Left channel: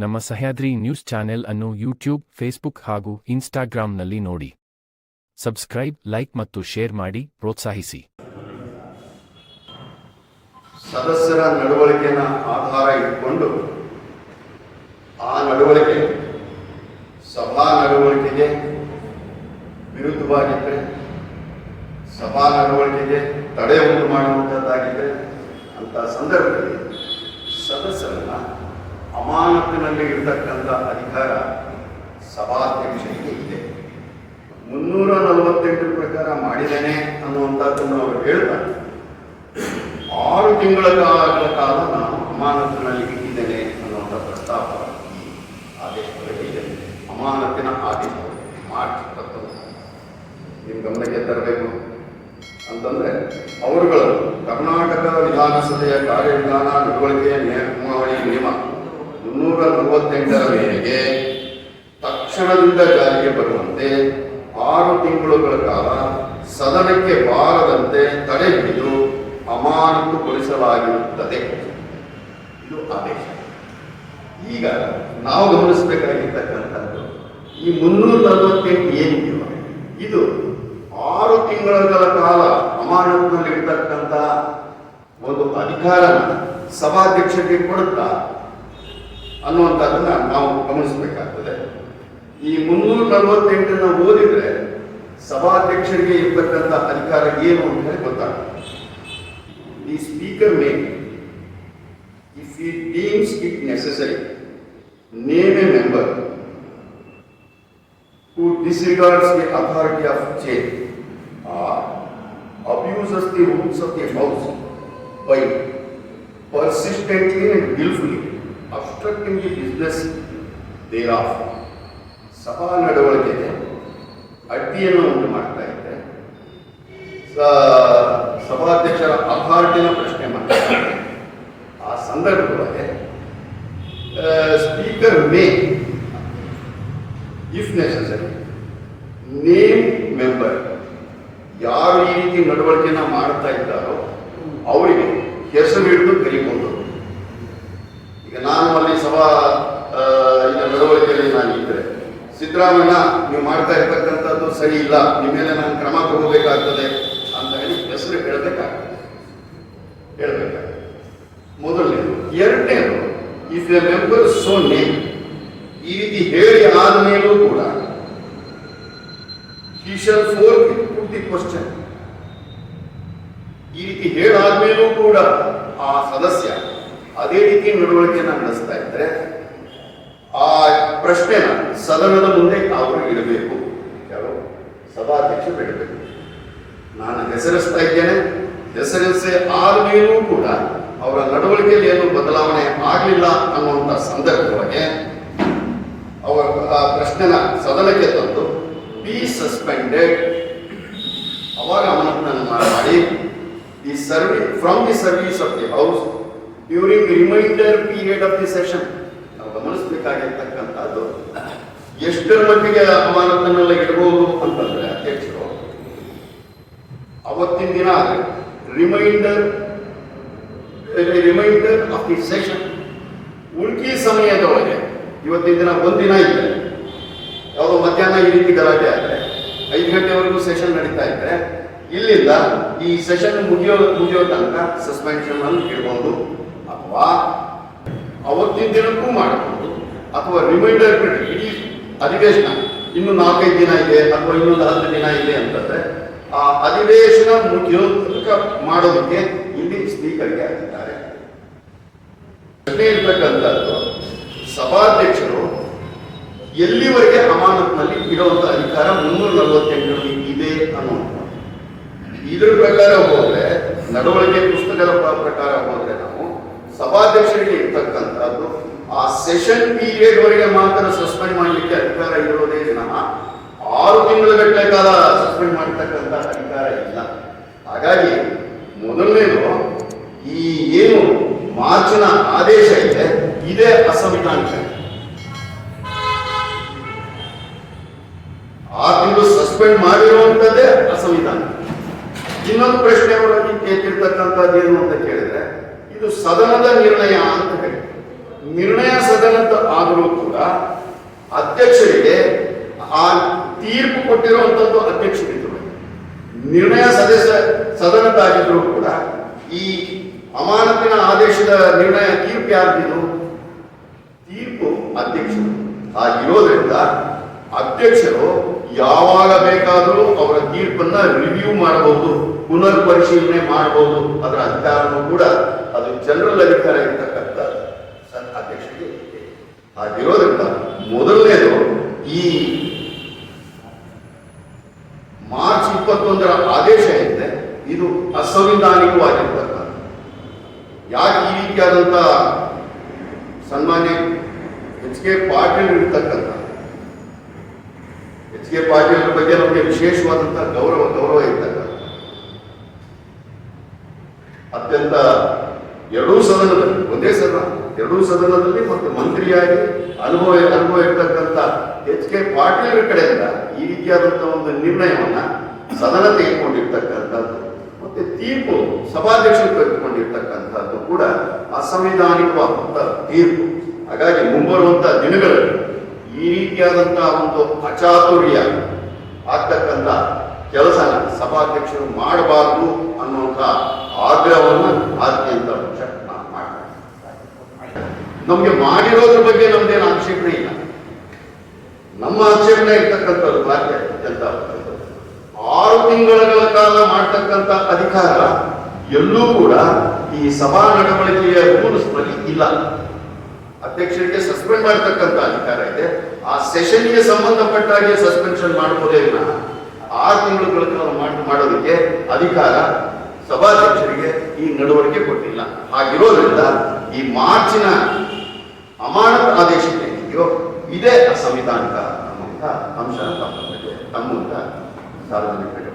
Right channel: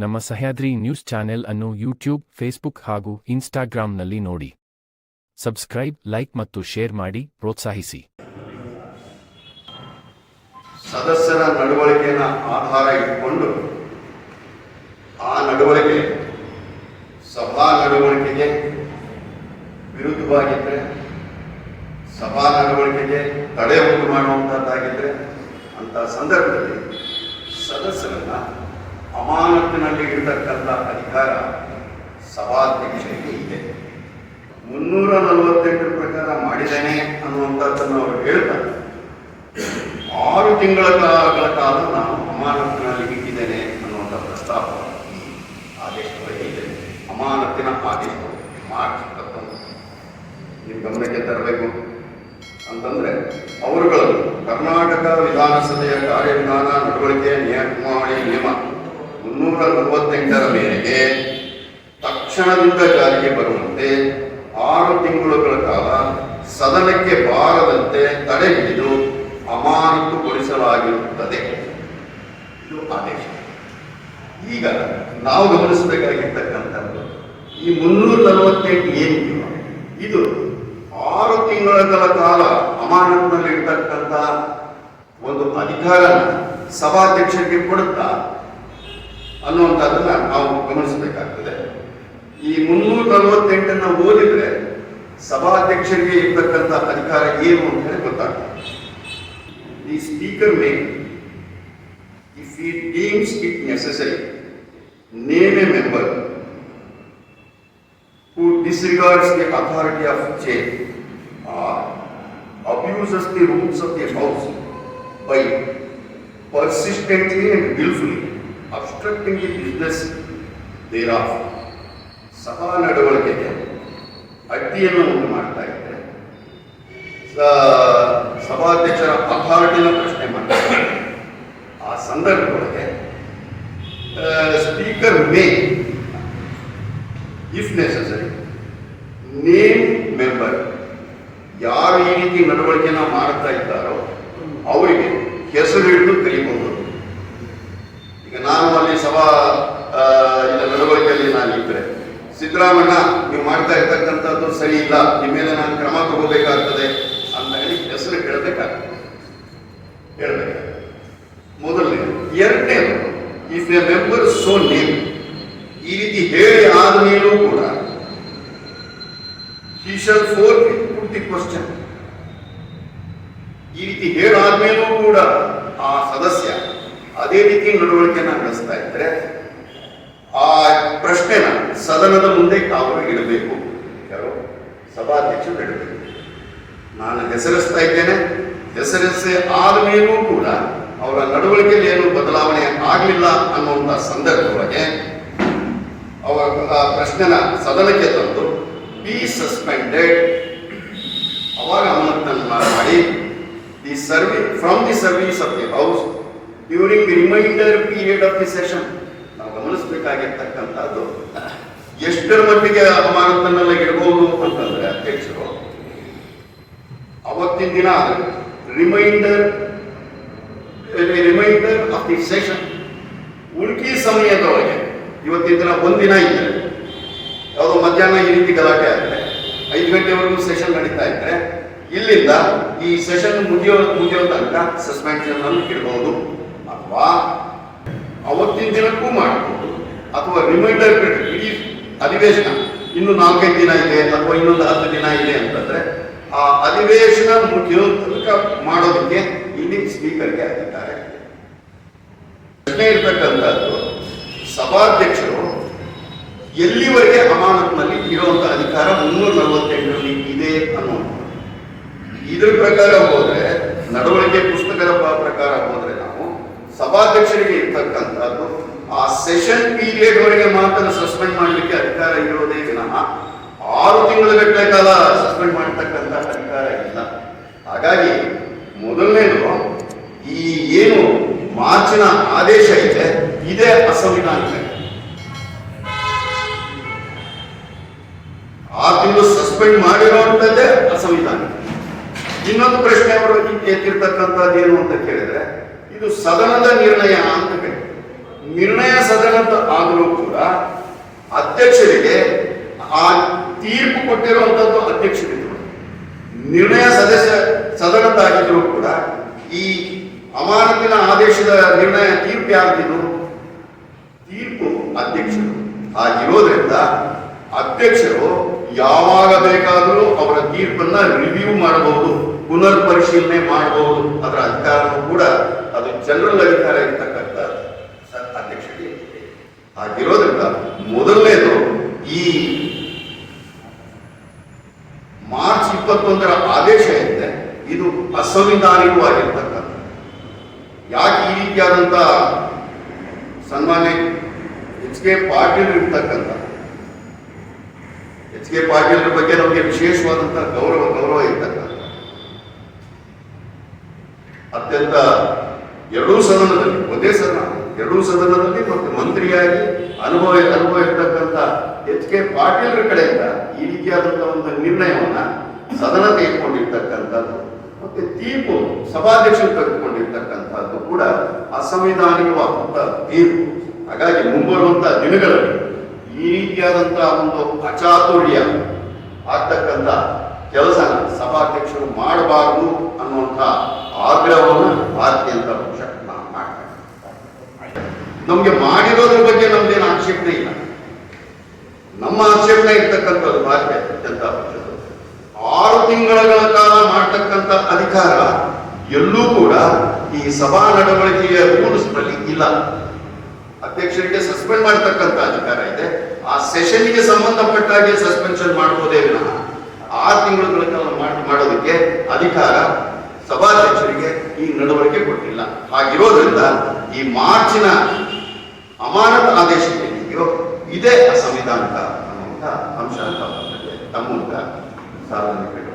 ನಮ್ಮ Sahyadri news channel ಅನ್ನು YouTube, Facebook ಹಾಗೂ ಇನ್ಸ್ಟಾಗ್ರಾಂನಲ್ಲಿ ನೋಡಿ. ಸಬ್ಸ್ಕ್ರೈಬ್, ಲೈಕ್ ಮತ್ತು ಶೇರ್ ಮಾಡಿ ಪ್ರೋತ್ಸಾಹಿಸಿ. ಸದಸ್ಯರ ನಡವಳಿಕೆಯನ್ನು ಆಧಾರ ಇಟ್ಟುಕೊಂಡು ಆ ನಡವಳಿಕೆ ಸಭಾ ನಡವಳಿಕೆಗೆ ವಿರುದ್ಧವಾಗಿದ್ದರೆ, ಸಭಾ ನಡವಳಿಕೆಗೆ ತಡೆ ಉಂಟು ಮಾಡುವಂಥದ್ದಾಗಿದ್ದರೆ ಅಂಥ ಸಂದರ್ಭದಲ್ಲಿ ಸದಸ್ಯರನ್ನ ಅಮಾನತಿನಲ್ಲಿ ಇರತಕ್ಕಂಥ ಅಧಿಕಾರ ಸಭಾಧ್ಯಕ್ಷರಿಗೆ ಇದೆ. 348 ಪ್ರಕಾರ ಮಾಡಿದ್ದೇನೆ ಅನ್ನುವಂಥದ್ದನ್ನು ಅವರು ಹೇಳ್ತಾರೆ. 6 ತಿಂಗಳ ಕಾಲ ನಾನು ಅಮಾನತಿನಲ್ಲಿ ಇಟ್ಟಿದ್ದೇನೆ ಅನ್ನುವಂಥ ಪ್ರಸ್ತಾಪ ಈ ಆದೇಶದೊಳಗೆ ಇದೆ. ಅಮಾನತಿನ ಆದೇಶ ಮಾರ್ಚ್ 21 ನಿಮ್ಮ ಗಮನಕ್ಕೆ ತರಬೇಕು ಅಂತಂದರೆ, ಅವರುಗಳನ್ನು ಕರ್ನಾಟಕ ವಿಧಾನಸಭೆಯ ಕಾರ್ಯವಿಧಾನ ನಡವಳಿಕೆಯ ನಿಯಮಾವಳಿ ನಿಯಮ 348 ಮೇರೆಗೆ ತಕ್ಷಣದಿಂದ ಜಾರಿಗೆ ಬರುವಂತೆ 6 ತಿಂಗಳುಗಳ ಕಾಲ ಸದನಕ್ಕೆ ಬಾರದಂತೆ ತಡೆ ಹಿಡಿದು ಅಮಾನತುಗೊಳಿಸಲಾಗಿರುತ್ತದೆ. ಇದು ಆದೇಶ. ಈಗ ನಾವು ಗಮನಿಸಬೇಕಾಗಿರ್ತಕ್ಕಂಥದ್ದು, ಈ 348 ಏನಿದೆಯೋ ಇದು 6 ತಿಂಗಳ ಕಾಲ ಅಮಾನತಿನಲ್ಲಿರ್ತಕ್ಕಂಥ ಒಂದು ಅಧಿಕಾರ ಸಭಾಧ್ಯಕ್ಷರಿಗೆ ಕೊಡುತ್ತಾ ಅನ್ನುವಂಥದ್ದನ್ನ ನಾವು ಗಮನಿಸಬೇಕಾಗ್ತದೆ. ಈ 348 ಓದಿದ್ರೆ ಸಭಾಧ್ಯಕ್ಷರಿಗೆ ಇರ್ತಕ್ಕಂಥ ಅಧಿಕಾರ ಏನು ಅಂತ ಹೇಳಿ ಗೊತ್ತಾಗ್ತದೆ. The speaker may, if he deems it necessary, name a member who disregards the authority of chair or abuses the rules of the house by persistently and willfully obstructing the business thereof. ಸಭಾ ನಡವಳಿಕೆಗೆ ಅಡ್ಡಿಯನ್ನು ಉಂಟು ಮಾಡ್ತಾ ಇದ್ದರೆ ಸಭಾಧ್ಯಕ್ಷರ ಅಥಾರಿಟಿನ ಪ್ರಶ್ನೆ ಮಾಡ್ತಾರೆ. ಆ ಸಂದರ್ಭದೊಳಗೆ speaker May, if necessary, name member, ಯಾರು ಈ ರೀತಿ ನಡವಳಿಕೆಯನ್ನು ಮಾಡ್ತಾ ಇದ್ದಾರೋ ಅವರಿಗೆ ಹೆಸರು ಹಿಡಿದು ಕರೀಬಹುದು. ಈಗ ನಾನು ಅಲ್ಲಿ ಸಭಾ ನಡವಳಿಕೆಯಲ್ಲಿ ನಾನು ಇದ್ದರೆ, ಸಿದ್ದರಾಮಯ್ಯ ನೀವು ಮಾಡ್ತಾ ಇರ್ತಕ್ಕಂಥದ್ದು ಸರಿ ಇಲ್ಲ, ನಿಮ್ಮ ಮೇಲೆ ನಾನು ಕ್ರಮ ತಗೋಬೇಕಾಗ್ತದೆ ಅಂತ ಹೇಳಿ ಹೆಸರು ಹೇಳಬೇಕಾಗ್ತದೆ. ಮೊದಲನೇದು. ಎರಡನೇದು, if A member so name, ಈ ರೀತಿ ಹೇಳಿ ಆದ್ಮೇಲೂ ಕೂಡ he shall forthwith put the question, ಈ ರೀತಿ ಹೇಳಾದ್ಮೇಲೂ ಕೂಡ ಆ ಸದಸ್ಯ ಅದೇ ರೀತಿ ನಡವಳಿಕೆಯನ್ನು ನಡೆಸ್ತಾ ಇದ್ರೆ ಆ ಪ್ರಶ್ನೆನ ಸದನದ ಮುಂದೆ ಅವರು ಇಡಬೇಕು. ಯಾರು? ಸಭಾಧ್ಯಕ್ಷರು ಇಡಬೇಕು. ನಾನು ಹೆಸರಿಸ್ತಾ ಇದ್ದೇನೆ, ಹೆಸರಿಸಿ ಆದ್ಮೇಲೂ ಕೂಡ ಅವರ ನಡವಳಿಕೆಯಲ್ಲಿ ಏನು ಬದಲಾವಣೆ ಆಗಲಿಲ್ಲ ಅನ್ನುವಂಥ ಸಂದರ್ಭದೊಳಗೆ ಅವರ ಪ್ರಶ್ನೆನ ಸದನಕ್ಕೆ ತಂದು ಬಿ ಸಸ್ಪೆಂಡೆಡ್, ಅವಾಗ ಅಮಾನತನ್ನು ಮಾಡಿ the from the service of the house during the reminder period of the session. ನಾವು ಗಮನಿಸಬೇಕಾಗಿರ್ತಕ್ಕಂಥದ್ದು ಎಷ್ಟರ ಮಟ್ಟಿಗೆ ಅಮಾನತನ್ನೆಲ್ಲ ಇಡಬಹುದು ಅಂತಂದ್ರೆ, ಅಧ್ಯಕ್ಷರು ಅವತ್ತಿನ ದಿನ ಆದರೆ ರಿಮೈಂಡರ್ ಆಫ್ ದಿ ಸೆಷನ್, ಉಳ್ಕಿ ಸಮಯದೊಳಗೆ ಇವತ್ತಿನ ದಿನ ಒಂದಿನ ಇದೆ, ಯಾವುದೋ ಮಧ್ಯಾಹ್ನ ಈ ರೀತಿ ಗಲಾಟೆ ಆದರೆ 5 ಗಂಟೆವರೆಗೂ ಸೆಷನ್ ನಡೀತಾ ಇದ್ರೆ ಇಲ್ಲಿಂದ ಈ ಸೆಷನ್ ಮುಗಿಯೋ ತನಕ ಸಸ್ಪೆನ್ಷನ್ ಅಲ್ಲಿ ಇಡಬಹುದು, ಅಥವಾ ಅವತ್ತಿನ ದಿನಕ್ಕೂ ಮಾಡಬಹುದು, ಅಥವಾ ರಿಮೈಂಡರ್ ಇಡೀ ಅಧಿವೇಶನ ಇನ್ನು 4-5 ದಿನ ಇದೆ ಅಥವಾ ಇನ್ನೊಂದು 10 ದಿನ ಇದೆ ಅಂತಂದ್ರೆ ಆ ಅಧಿವೇಶನ ಮುಗಿಯೋ ತನಕ ಮಾಡೋದಕ್ಕೆ ಇಲ್ಲಿ ಸ್ಪೀಕರ್ಗೆ ಆಗಿದ್ದಾರೆ. ಪ್ರಶ್ನೆ ಇರ್ತಕ್ಕಂಥದ್ದು, ಸಭಾಧ್ಯಕ್ಷರು ಎಲ್ಲಿವರೆಗೆ ಅಮಾನತಿನಲ್ಲಿ ಇರುವಂತಹ ಅಧಿಕಾರ 348 ಇದೆ ಅನ್ನುವಂಥ. ಇದ್ರ ಪ್ರಕಾರ ಹೋದ್ರೆ, ನಡವಳಿಕೆ ಪುಸ್ತಕದ ಪ್ರಕಾರ ಹೋದ್ರೆ, ನಾವು ಸಭಾಧ್ಯಕ್ಷರಿಗೆ ಇರ್ತಕ್ಕಂಥದ್ದು ಆ ಸೆಷನ್ ಪೀರಿಯಡ್ ವರೆಗೆ ಮಾತ್ರ ಸಸ್ಪೆಂಡ್ ಮಾಡಲಿಕ್ಕೆ ಅಧಿಕಾರ ಇರೋದೇ ವಿನಃ 6 ತಿಂಗಳ ಕಾಲ ಸಸ್ಪೆಂಡ್ ಮಾಡತಕ್ಕಂಥ ಅಧಿಕಾರ ಇಲ್ಲ. ಹಾಗಾಗಿ ಮೊದಲನೇದು, ಈ ಏನು ಮಾರ್ಚಿನ ಆದೇಶ ಇದೆ ಇದೇ ಅಸಂವಿಧಾನಿಕ. 6 ತಿಂಗಳು ಸಸ್ಪೆಂಡ್ ಮಾಡಿರುವಂಥದ್ದೇ ಅಸಂವಿಧಾನಿಕ. ಇನ್ನೊಂದು ಪ್ರಶ್ನೆ ಅವರು ಎತ್ತಿರ್ತಕ್ಕಂಥದ್ದು ಏನು ಅಂತ ಕೇಳಿದ್ರೆ, ಇದು ಸದನದ ನಿರ್ಣಯ ಅಂತ ಹೇಳಿ ನಿರ್ಣಯ ಸದನದ ಆದರೂ ಕೂಡ ಅಧ್ಯಕ್ಷರಿಗೆ ಆ ತೀರ್ಪು ಕೊಟ್ಟಿರುವಂತದ್ದು ಅಧ್ಯಕ್ಷರಿಗೆ, ನಿರ್ಣಯ ಸದನದಾಗಿದ್ದರೂ ಕೂಡ ಈ ಅಮಾನತಿನ ಆದೇಶದ ನಿರ್ಣಯ ತೀರ್ಪು ಯಾರ್ದಿದು? ತೀರ್ಪು ಅಧ್ಯಕ್ಷರು. ಹಾಗಿರೋದ್ರಿಂದ ಅಧ್ಯಕ್ಷರು ಯಾವಾಗ ಬೇಕಾದರೂ ಅವರ ತೀರ್ಪನ್ನ ರಿವ್ಯೂ ಮಾಡಬಹುದು, ಪುನರ್ ಪರಿಶೀಲನೆ ಮಾಡಬಹುದು. ಅದರ ಅಧಿಕಾರನೂ ಕೂಡ ಅದು ಜನರಲ್ ಅಧಿಕಾರ ಇರ್ತಕ್ಕಂಥ ಅಧ್ಯಕ್ಷರಿಗೆ. ಹಾಗಿರೋದ್ರಿಂದ ಮೊದಲನೇದು ಈ ಮಾರ್ಚ್ 21ರ ಆದೇಶ ಇದೆ, ಇದು ಅಸಂವಿಧಾನಿಕವಾಗಿರ್ತಕ್ಕಂಥ. ಯಾಕೆ ಈ ರೀತಿಯಾದಂಥ ಸನ್ಮಾನ್ಯ ಎಚ್ ಕೆ ಪಾಟೀಲ್ ಇರ್ತಕ್ಕಂಥ ಎಚ್ ಕೆ ಪಾಟೀಲ್ ಬಗ್ಗೆ ನಮಗೆ ವಿಶೇಷವಾದಂತಹ ಗೌರವ ಇರ್ತಕ್ಕಂಥ ಅತ್ಯಂತ ಎರಡೂ ಸದನದಲ್ಲಿ, ಒಂದೇ ಸದನ ಎರಡೂ ಸದನದಲ್ಲಿ ಮತ್ತೆ ಮಂತ್ರಿಯಾಗಿ ಅನುಭವ ಇರ್ತಕ್ಕಂಥ ಎಚ್ ಕೆ ಪಾಟೀಲ್ ಕಡೆಯಿಂದ ಈ ರೀತಿಯಾದಂತಹ ಒಂದು ನಿರ್ಣಯವನ್ನ ಸದನ ತೆಗೆದುಕೊಂಡಿರ್ತಕ್ಕಂಥದ್ದು ಮತ್ತೆ ತೀರ್ಪು ಸಭಾಧ್ಯಕ್ಷರು ತೆಗೆದುಕೊಂಡಿರ್ತಕ್ಕಂಥದ್ದು ಕೂಡ ಅಸಂವಿಧಾನಿಕವಾದಂತಹ ತೀರ್ಪು. ಹಾಗಾಗಿ ಮುಂಬರುವಂತಹ ದಿನಗಳಲ್ಲಿ ಈ ರೀತಿಯಾದಂತಹ ಒಂದು ಅಚಾತುರ್ಯ ಆಗ್ತಕ್ಕಂಥ ಕೆಲಸನ ಸಭಾಧ್ಯಕ್ಷರು ಮಾಡಬಾರದು ಅನ್ನುವಂಥ ಆಗ್ರಹವನ್ನು ಆದ್ಯಂತ ಪಕ್ಷ ನಾವು ಮಾಡ್ತಾರೆ. ನಮ್ಗೆ ಮಾಡಿರೋದ್ರ ಬಗ್ಗೆ ನಮ್ದೇನು ಆಕ್ಷೇಪಣೆ ಇಲ್ಲ. ನಮ್ಮ ಆಕ್ಷೇಪಣೆ ಇರ್ತಕ್ಕಂಥದ್ದು ಭಾರತೀಯ ಜನತಾ ಪಕ್ಷದ 6 ತಿಂಗಳ ಕಾಲ ಮಾಡ್ತಕ್ಕಂಥ ಅಧಿಕಾರ ಎಲ್ಲೂ ಕೂಡ ಈ ಸಭಾ ನಡವಳಿಕೆಯ ರೂಲ್ಸ್ ನಲ್ಲಿ ಇಲ್ಲ. ಅಧ್ಯಕ್ಷರಿಗೆ ಸಸ್ಪೆಂಡ್ ಮಾಡತಕ್ಕಂಥ ಅಧಿಕಾರ ಇದೆ. ಆ ಸೆಷನ್ಗೆ ಸಂಬಂಧಪಟ್ಟಾಗೆ ಸಸ್ಪೆನ್ಷನ್ ಮಾಡಬಹುದೇ ವಿನಃ 6 ತಿಂಗಳ ಕಾಲ ಮಾಡೋದಕ್ಕೆ ಅಧಿಕಾರ ಸಭಾಧ್ಯಕ್ಷರಿಗೆ ಈ ನಡವಳಿಕೆ ಕೊಟ್ಟಿಲ್ಲ. ಹಾಗಿರೋದ್ರಿಂದ ಈ ಮಾರ್ಚಿನ ಅಮಾನತ್ ಆದೇಶ ಏನಿದೆಯೋ ಇದೇ ಅಸಂವಿಧಾನಿಕ ಅನ್ನುವಂಥ ಅಂಶ ತಮ್ಮ ಮೂಲಕ ಸಾರ್ವಜನಿಕರಿಗೆ